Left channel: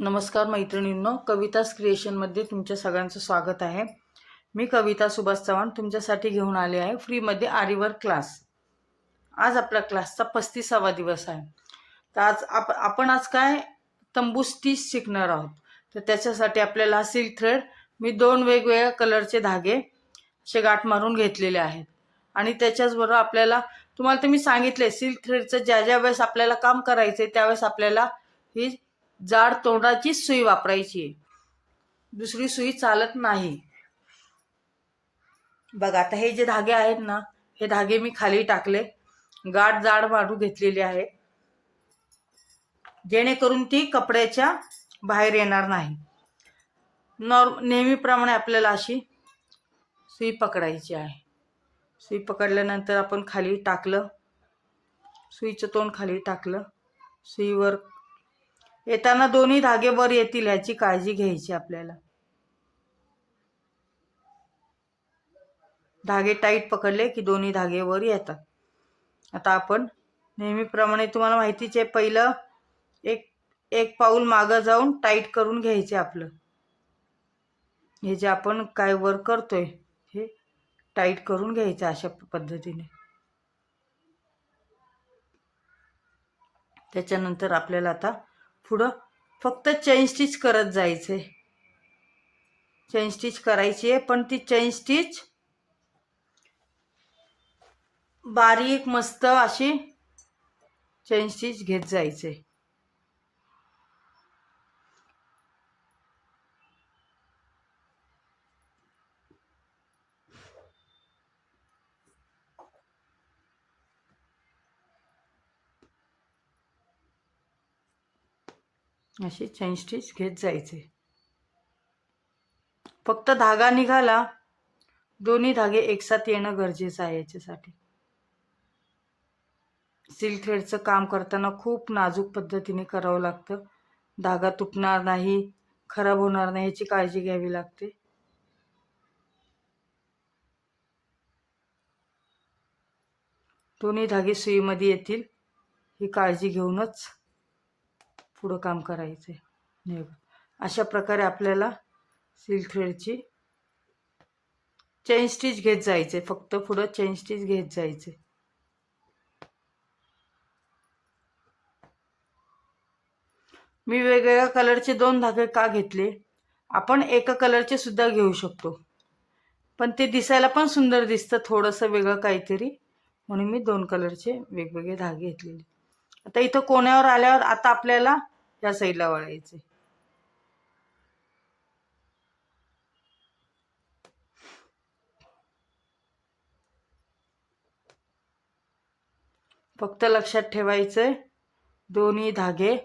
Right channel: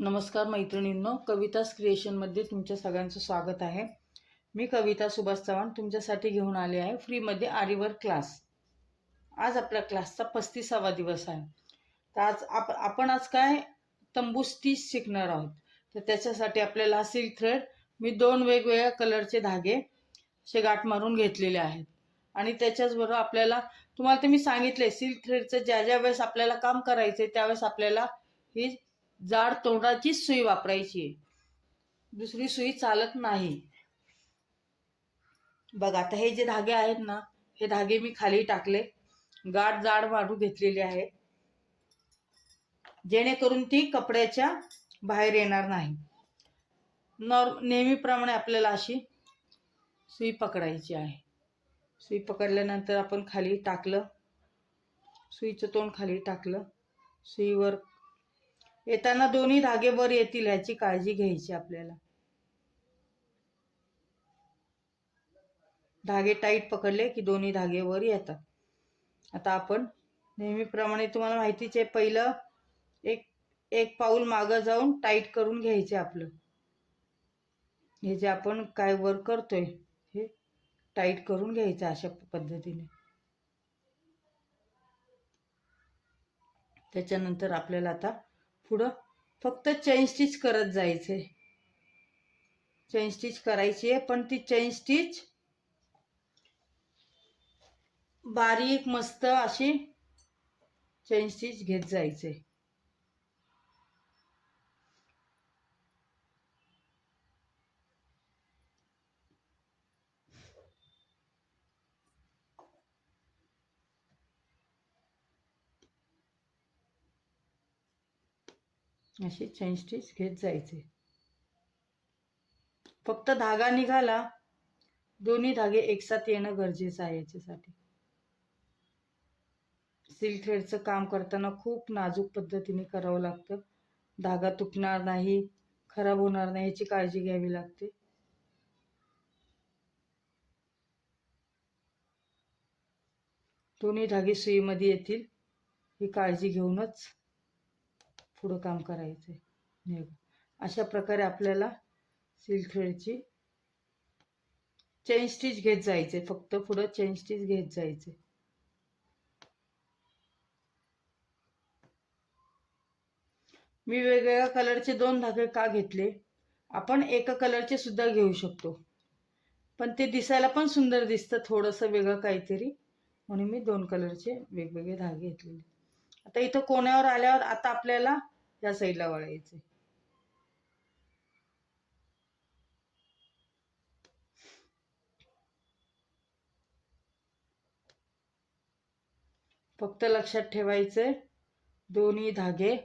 नमस्कार मैत्रिणींनो, कवितास क्रिएशनमध्ये तुमच्या सगळ्यांचं स्वागत आहे। मी कविता सुभाष चव्हाण तुमच्यासाठी घेऊन आले आहे फ्रीमध्ये आरीवर्क क्लास। आज आपल्या क्लासचा 35वा दिवस आहे। तर आपण आज काय तंबू स्टिच शिकणार आहोत। तर त्याच्यासाठी आपल्याला सिल्क थ्रेड मी 2 वेगवेगळ्या कलरचे धागे असे गाठ मारून घेतलेले आहेत आणि त्याच्याचबरोबर आपल्याला तुम्हाला तर मी सांगितले सिल्क थ्रेडचं ज्या वेळेस आपल्याला काम करायचे त्यावेळेस आपल्याला ही जाड तोंडाची सुई वापरायची, दुसरी सुई चालत नाही। बघा आता हे जे धागे आहेत ना, हे धागे मी खाली टाकले, गाठ जाड मारून घेतलेली आहे जेणेकरून ती कपड्याच्या बाहेर येणार नाही। नेहमीप्रमाणे आपल्याला अशी सुई पकडायची आहे। सुई पकडल्यानंतर आपण खाली टाकलं, सुईचं तोंड खाली टाकलं, सुईवर येताना दोन्ही धागे वर येतील याची काळजी घ्यायची आपल्याला। धागे टाईट पकडले की दोन्ही धागे वर येतात। आता आपण नेहमीप्रमाणे तुम्हाला माहितीच आहे, पहिलं एक पाऊल मागे जाऊन टाईट करून घ्यायचे आपलं। हे जे आपण काय वर करतोय हे टाईट करून घ्यायचं अशा पद्धतीने। त्याच्यानंतर आपल्याला आता पुढं फक्त चेन स्टिच करत जायचे। चेन स्टिच करायची आहे, पण ती चेन स्टिच बारीक मस्त अशी चेन स्टिच घेत जायचे। अशी चेन स्टिच घेत जायचे। फक्त धागा निघाला, दोन्ही धागे एकसाथ येणं गरजेचं आहे। याच्यासाठी सिल्क थ्रेडचं काम करताना खूप नाजूक पद्धतीने करावं लागतं। धागा तुटणार नाही, खराब होणार नाही याची काळजी घ्यावी लागते। दोन्ही धागे सुईमध्ये येतील ही काळजी घेऊनच पुढं काम करायचं। अशा प्रकारे आपल्याला सिल्क थ्रेडची चेन स्टिच घेत जायचे, फक्त पुढं चेन स्टिच घेत जायचे। मी वेगवेगळ्या कलरचे 2 धागे का घेतले, आपण एका कलरचे सुद्धा घेऊ शकतो, पण ते दिसायला पण सुंदर दिसतं थोडंसं वेगळं काहीतरी, म्हणून मी 2 कलरचे वेगवेगळे धागे घेतलेले। आता इथं कोण्यावर आल्यावर आता आपल्याला या साईडला वळायचे। फक्त लक्षात ठेवायचंय दोन्ही धागे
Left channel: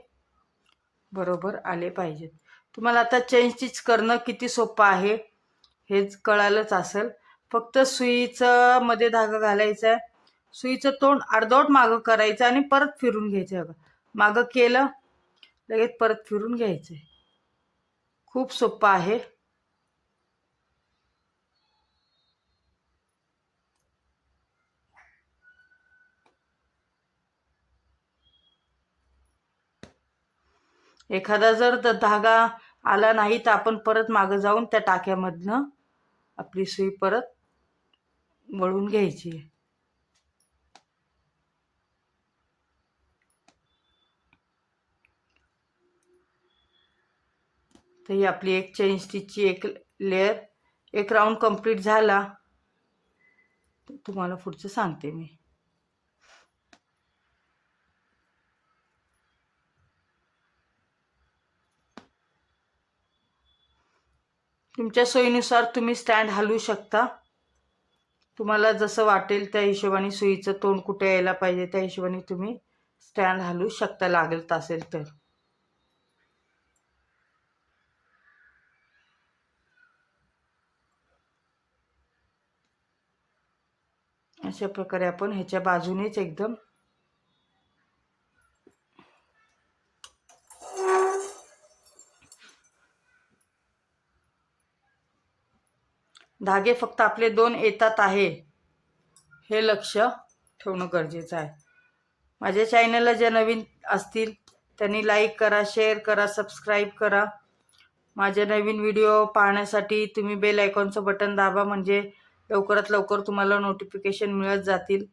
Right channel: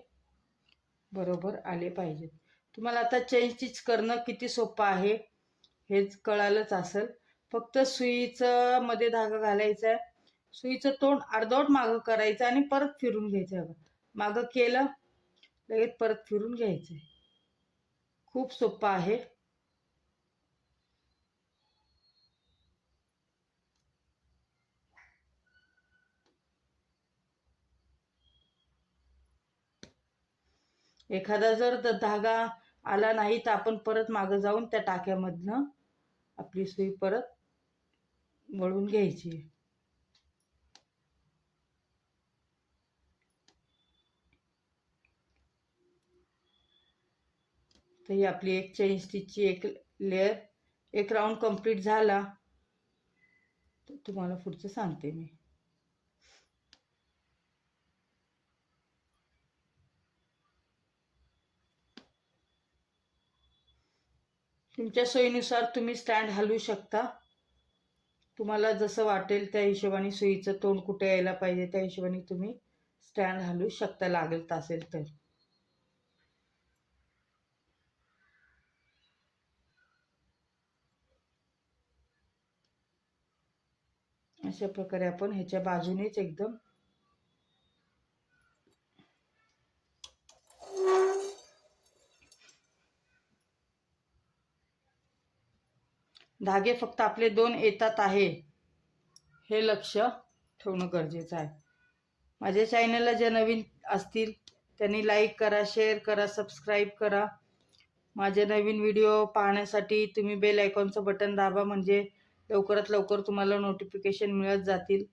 बरोबर आले पाहिजेत। तुम्हाला आता चेन स्टिच करणं किती सोपं आहे हेच कळालंच असेल। फक्त सुईचं मध्ये धागा घालायचा आहे, सुईचं तोंड अर्धवट मागं करायचं आणि परत फिरून घ्यायचं। मागं केलं लगेच परत फिरून घ्यायचं। खूप सोपं आहे। एखादा जर धागा आला नाही तर आपण परत मागे जाऊन त्या टाक्यामधनं आपली सुई परत वळून घ्यायची। तर ही आपली एक चेन स्टिचची एक लेयर, एक राऊंड कंप्लीट झाला। तुम्हाला पुढचं सांगते मी। तुमच्या सोयीनुसार तुम्ही स्टँड हलवू शकता। तुम्हाला जसं वाटेल त्या हिशोबाने, सुईचं तोंड कुठे यायला पाहिजे त्या हिशोबाने तुम्ही स्टँड हलवू शकता, लागत असेल तर। अशा प्रकारे आपण ह्याच्या बाजूनेच एकदम धागे फक्त आपले 2 येतात आहे हे लक्ष ठेवणं गरजेचं आहे। माझ्या चॅनलला जे नवीन असतील त्यांनी लाईक करा, शेअर करा, सबस्क्राईब करा. माझे नवीन व्हिडिओ पाहण्यासाठी तुम्ही बेल आयकॉनचं बटन दाबा, म्हणजे लवकरात लवकर तुम्हाला नोटिफिकेशन मिळत जातील.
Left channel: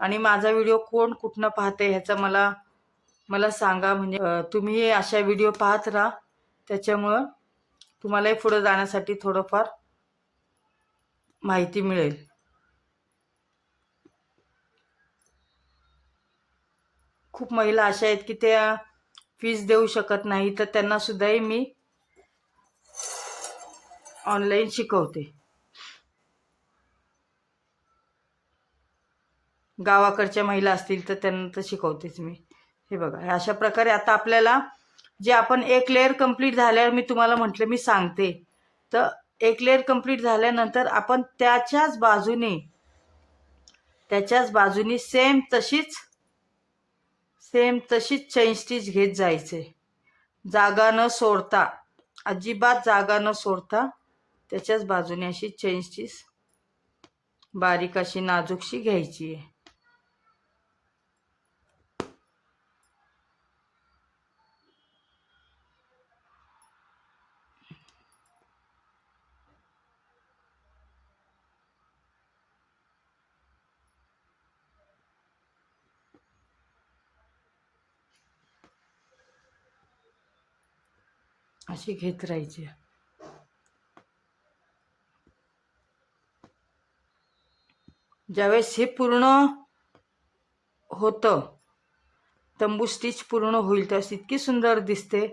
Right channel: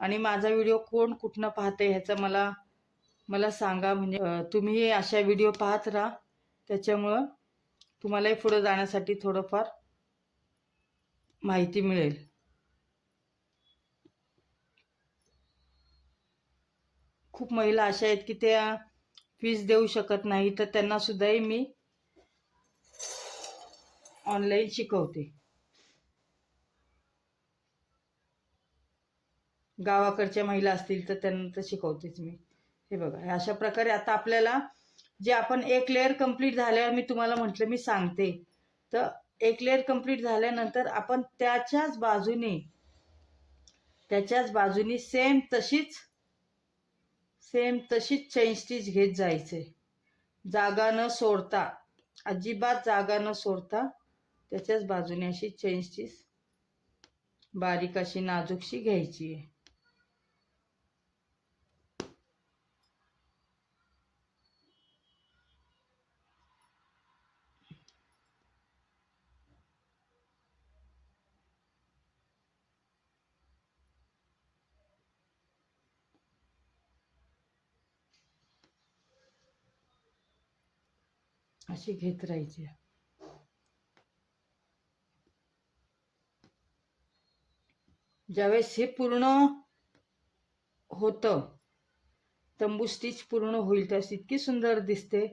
आणि माझा व्हिडिओ कोण कुठनं पाहते ह्याचा मला सांगा, म्हणजे तुम्ही अशा व्हिडिओ पाहत राहा. त्याच्यामुळं तुम्हालाही पुढे जाण्यासाठी थोडंफार माहिती मिळेल. खूप महिला अशा आहेत की त्या फीस देऊ शकत नाही, तर त्यांना सुद्धाही मी ऑनलाईन शिकवते. गावाकडच्या महिला असतील तर त्यांना तर शिकवतेच मी. हे बघा, अशा प्रकारे आता आपल्याला जे आपण एक लेअर कंप्लीट झाल्यावर मी तुम्हाला म्हटलं मी सांगते, तर एक लेअर कंप्लीट झाल्यानंतर आपण त्याच्याच बाजूनी सेम तशीच चेन स्टिच घेत जायचे, जागा न सोडता, अजिबात जागा न सोडता त्याच्याच बाजूने अशी चेन स्टिच बारीक अशी नाजूकशी घ्यायची आहे. अशी घेत राहायची. ज्यावेळेस हे पूर्ण होतं, तंबू स्टिच पूर्ण होईल त्यावेळेस इतकी सुंदर दिसते.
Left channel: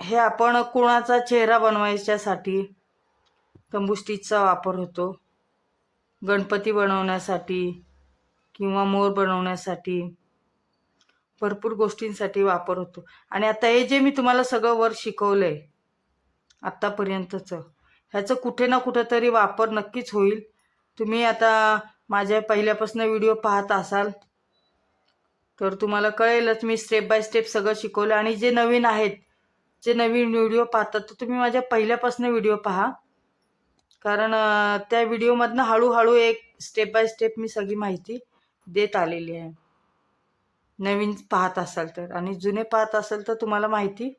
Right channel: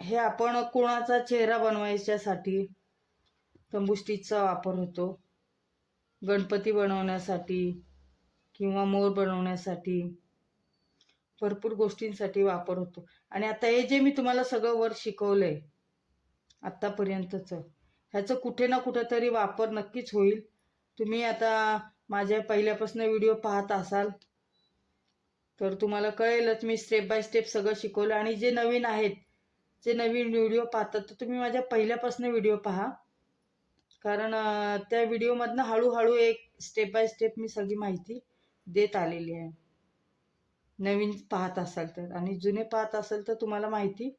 हे आपण कोणाचा चेहरा बनवायच्यासाठी तंबू स्टिचचा वापर होतो, गणपती बनवण्यासाठी किंवा मोर बनवण्यासाठी, भरपूर गोष्टींसाठी वापर होतो. आणि आता हे जे मी तुम्हाला सगळं वर शिकवलंय आत्तापर्यंतचं, ह्याचं कुठे ना कुठेतरी वापर नक्कीच होईल. तुम्ही आता माझ्या पहिल्यापासून व्हिडिओ पाहत असाल तर तुम्हाला कळेलच, मी स्टेप बाय स्टेप सगळं शिकवलं. आणि जे नवीन आहेत, जे नवीन व्हिडिओ पाहतात, तर तुम्ही माझ्या पहिल्यापासून व्हिडिओ पहा, कारण त्या व्हिडिओमधनं हळूहळू एक स्टेप बाय स्टेप मी सगळी माहिती देत आलेली आहे. नवीन पाहत असाल तर, आणि जुने पाहत असाल तर तुम्हाला माहिती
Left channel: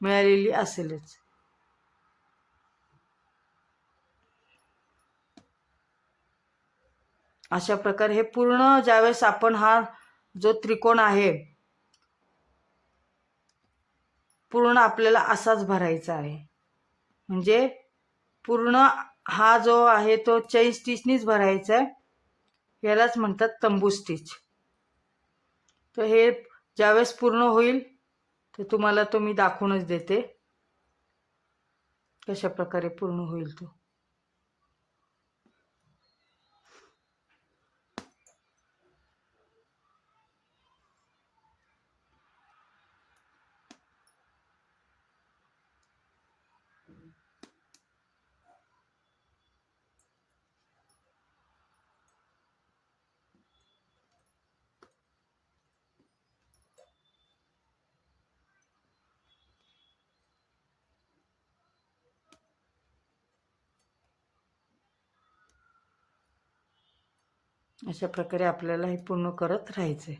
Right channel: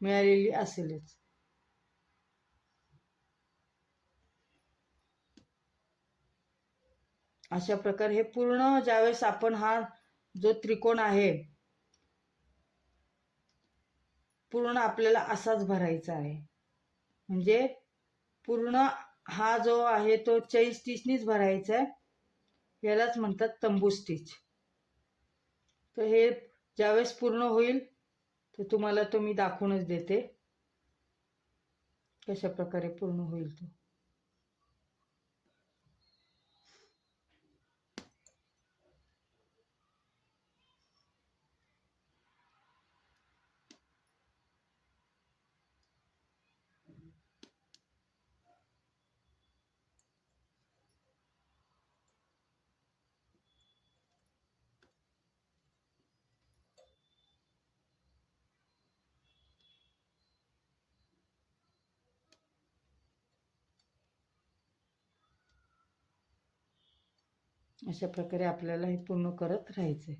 मिळालेली असेलच. अशा प्रकारे हे पूर्ण ज्यावेळेस आपण हा जो त्रिकोण आहे पूर्ण आपल्याला असाच भरायचा आहे, म्हणजे पूर्ण हा जो आहे तो चेन स्टिचनीच भरायचा आहे. यालाच म्हणतात तंबू स्टिच. तर हे ज्यावेळेस पूर्ण होईल तर तुम्हाला तो मी दाखवूनच देते कशा प्रकारे पूर्ण होईल तो. अशा प्रकारे आपल्याला हे पूर्ण करत राहायचंय.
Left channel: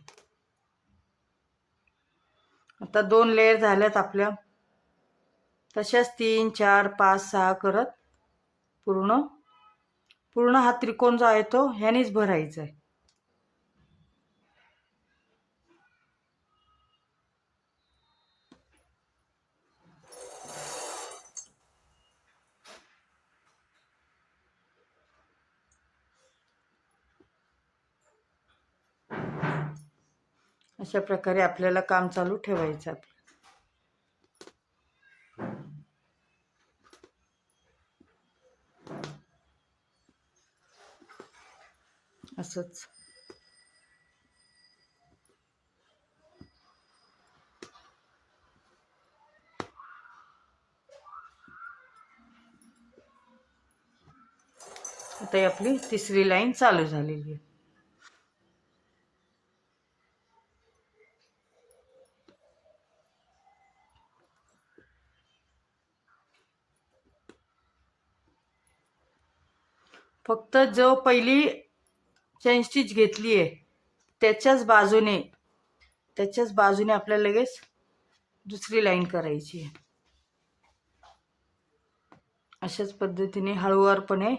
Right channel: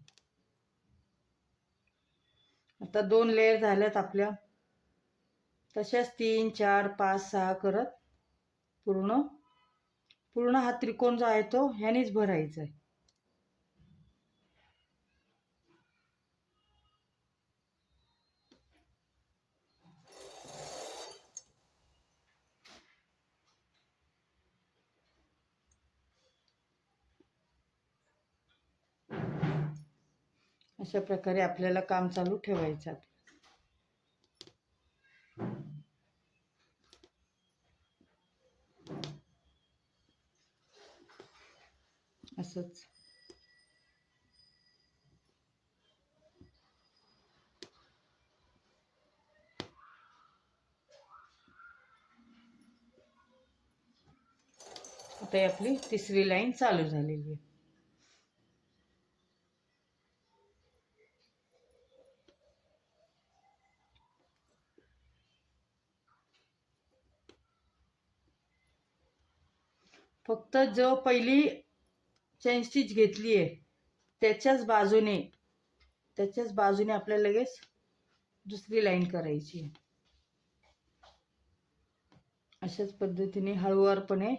आता 2 लेयर झाल्यात आपल्या, तशाच 3 4 5 6 करत पूर्ण हा त्रिकोण जो आहे तो ह्यानेच भरायचा आहे. अशा प्रकारे आपल्याला काम चालू ठेवायचं आहे. असंच आता ही आपली तिसरी लाईन चालू झालेली आहे. फक्त जो पहिली चेन स्टिच घेतली आहे त्याच्याच बाजूने आपल्याला लगेच दुसरी लाईन करायची आहे. अशाच पद्धतीने हळूवारपणे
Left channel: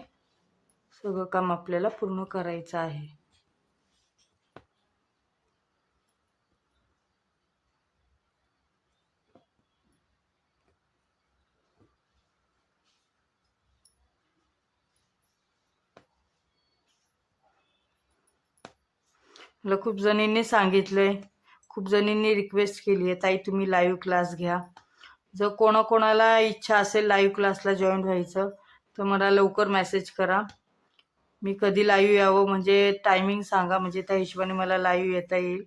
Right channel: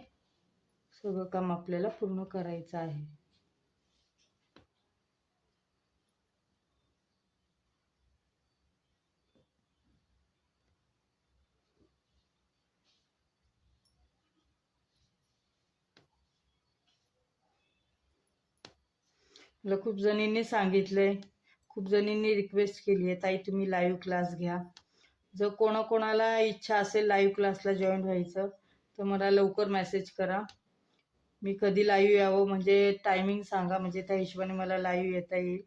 सगळं काम आपल्याला पूर्ण करायचं आहे. मला खूप जणींनी सांगितलंय, खूप जणींनी रिक्वेस्ट केली आहे, ताई तुम्ही लाईव्ह क्लास घ्या. जर कोणाकोणाला इच्छा असेल लाईव्ह क्लासला जॉईन व्हायचं तर मला लवकर मेसेज करा. मी कधी लाईव्ह यावं म्हणजे टायमिंग सांगा, म्हणजे त्या हिशोबाने मला लाईव्ह येता येईल,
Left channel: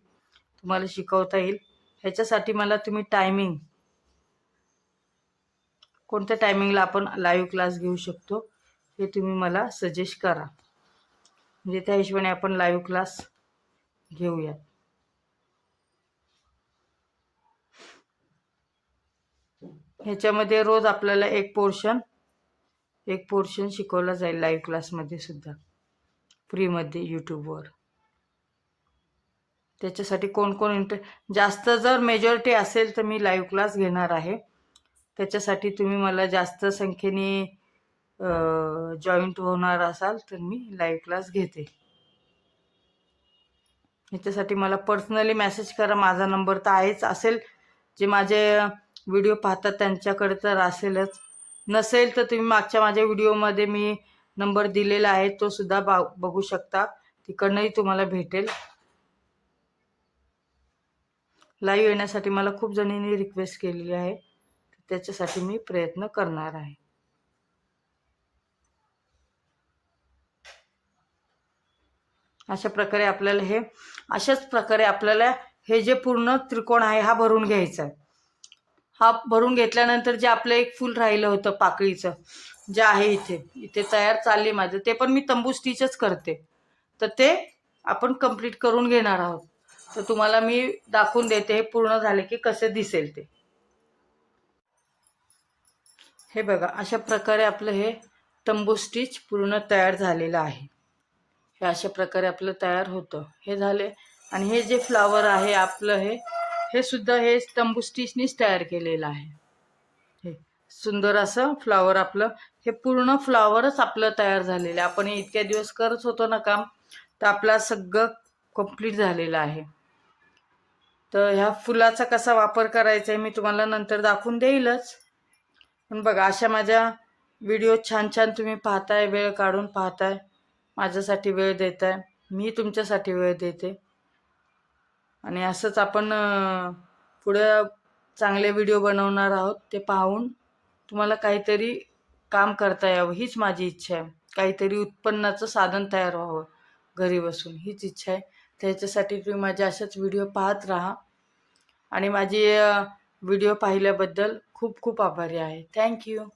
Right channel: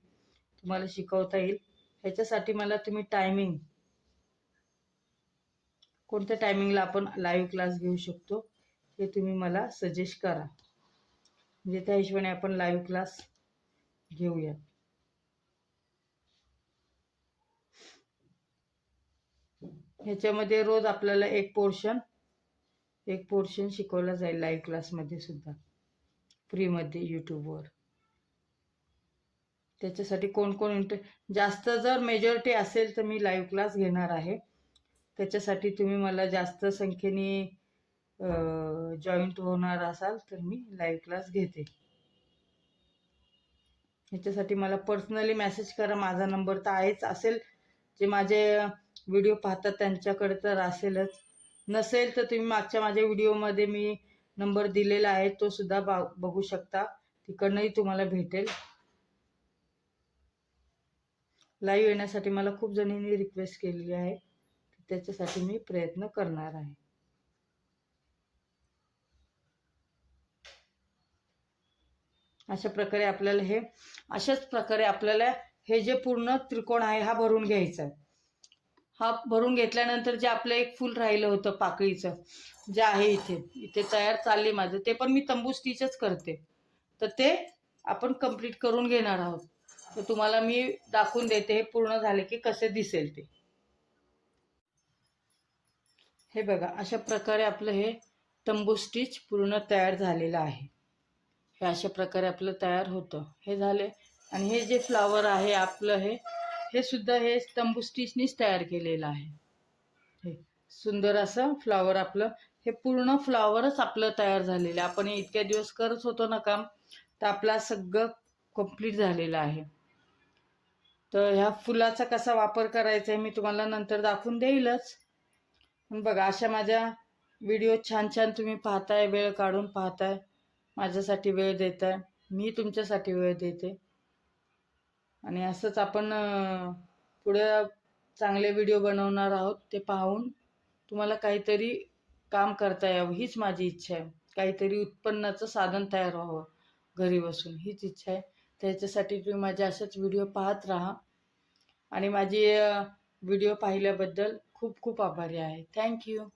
तुम्हाला शिकवता येईल. ह्याच्यासाठी मला तुम्ही टायमिंग, कोणत्या टायमिंगला आपण लाईव्ह क्लास घेऊ शकतो हे तुम्ही मला सजेस्ट करा, म्हणजे त्या हिशोबाने आपण लाईव्ह क्लास घेऊया. ह्याच्यामध्ये रोज आपल्याला एक पोर्शन शिकवला जाईल लाईव्ह क्लासमध्ये सुद्धा, फ्रीमध्ये यूट्यूबवर. त्याच्यासाठी कोण कोण जास्त जर मेजॉरिटी असेल तर मी लाईव्ह क्लास घेणार आहे. त्याच्यासाठी तुम्ही मला जास्त संख्येने जॉईंट होणार असाल तर मी लाईव्ह क्लास घेते. ह्याच्यासाठी मला पर्सनली मेसेज करा. माझा नंबर तर आहेच, असेल जे माझे व्हिडिओ पाहतात त्यांच्याकडे तर असेलच. नसेल तर तुम्ही मागच्या माझ्या व्हिडिओमध्ये मी नंबर दिलेला आहे, तो सुद्धा बघू शकता, तिकडनंही तुम्हाला भेटेल. लाईव्ह येण्यासाठी मला खूप जणींनी रिक्वेस्ट केलेली आहे, त्याच्यासाठी मी प्रयत्न करणार आहे. अशाच प्रकारे आपल्याला हे जे पूर्ण त्रिकोण आहे हा भरून घ्यायचा आहे. हा भरून घेतल्यानंतर जे आपलं एक फूल राहिलं होतं पाकळीचं, जे आहे इथे तयार चालली माझं, ते पण मी तंबू स्टिचच करते. तर ते आपण कंप्लीट करून घेणार आहोत. तर तुम्हाला मी दाखवून देते हे पूर्ण झाले की कसे दिसेल ते. हे बघा, अशा प्रकारे आपलं हे तंबू स्टिच पूर्ण तयार झालेलं आहे. हे अशा प्रकारे आपलं तयार होतं. हे झाले. आणि हे जे फ्लावर आहे आपलं हे सुद्धा हे तंबू स्टिचनीच तयार केलेलं आहे. हे सुंदर असं फ्लावर आपलं, हे पूर्ण फ्लावरच आपलं तयार झालेलं आहे. आपण इतक्या दिवस करत होतो ना काम, तर आपलं सगळं कंप्लीट झालेलं आहे. तर ह्या फुलाचा कसा वापर करायचा आहे मी तुम्हाला नंतर दाखवून देईलच. पण बघा, अशा माझ्या व्हिडिओ छान छान तुम्ही पाहताय, वेळ काढून पाहताय, माझ्यासाठी वेळ देताय, मी तुमच्यासाठी वेळ देते. आणि असंच आपण पुढे चांगले व्हिडिओ बनवणार आहोत. ते पाहून तुम्हाला काहीतरी काम करता यावं हीच माझी इच्छा आहे. काहीतरी उत्पन्नाचं साधन तयार व्हावं घरी बसून, हीच इच्छा आहे. त्याच्यासाठी तुम्ही माझे असेच व्हिडिओ पाहत राहा. आणि माझी व्हिडिओ पाहिल्याबद्दल खूप खूप आभारी आहे. थँक्यू.